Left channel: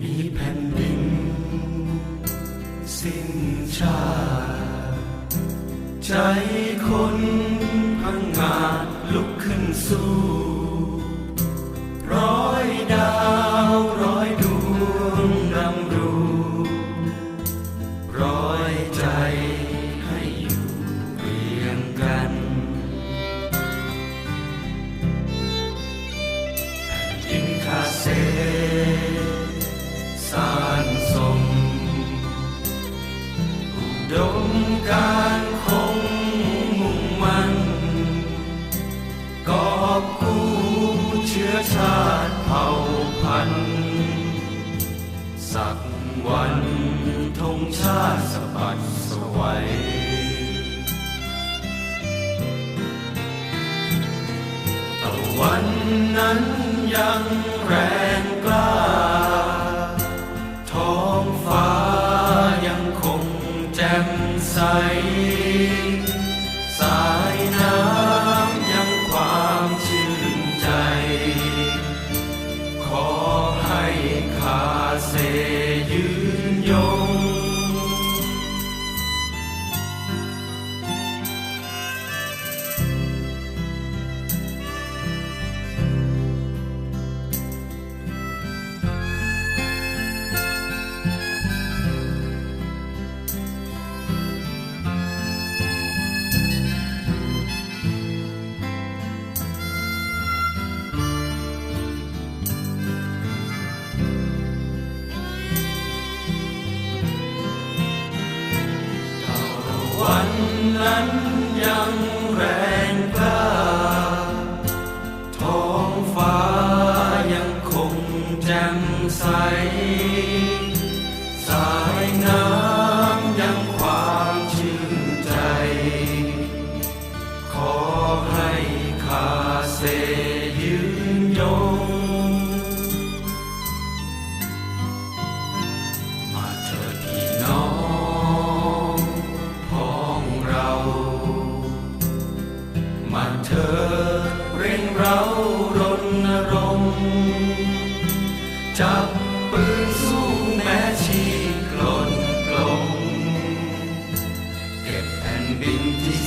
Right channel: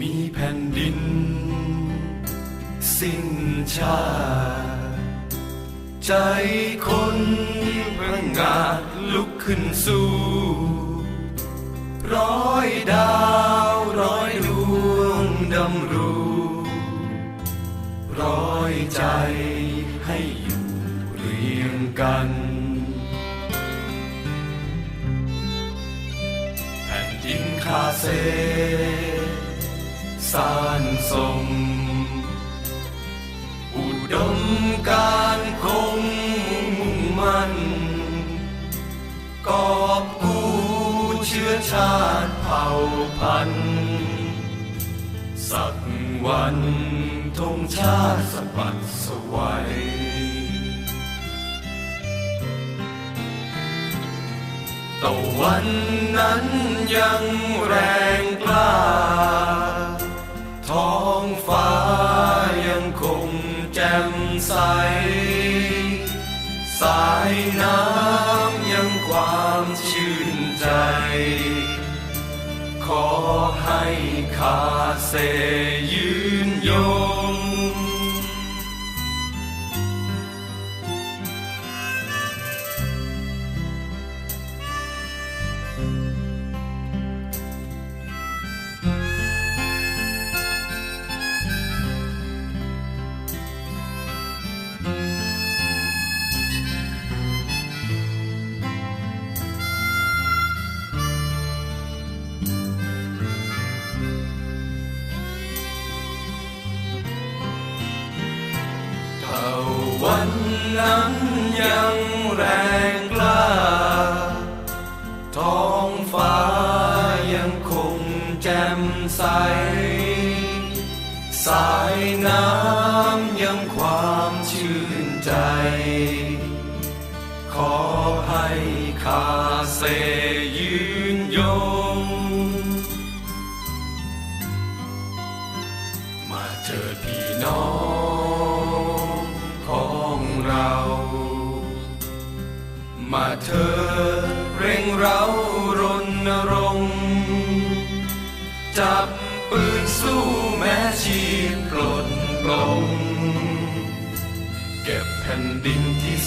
มีแผ่นดิน สิ้นชาติใจคนประงาลุกขึ้นสู้ ร้อยดาวร้อยดวงดำรูร้อยใจให้อยู่เรียงกันแผ่นดินคาเซ สานสมอุดมการคงมุ่งมันกอบกู้เชื้อชาติเผ่าพันธุ์สักวันธงชาติสะบัดสวัยตะวันนั้นยังแรง ฟ้ายังคงแจ่มใส สายน้ำยังความชื่นใจ ขอให้คาเซยื วันนั้นยังแรงกล้า ท้องฟ้ายังคงแจ่มใส สายน้ำยังความชื่นใจ ขอให้คาเซ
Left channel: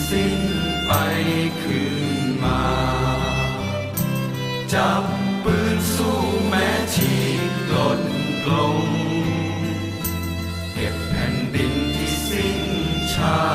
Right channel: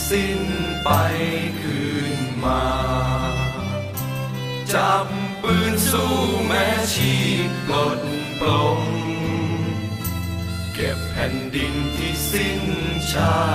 สิ้นไปคืนมาจับปืนสู้แม้ชีพกลนปลง เก็บแผ่นดินที่สิ้นชา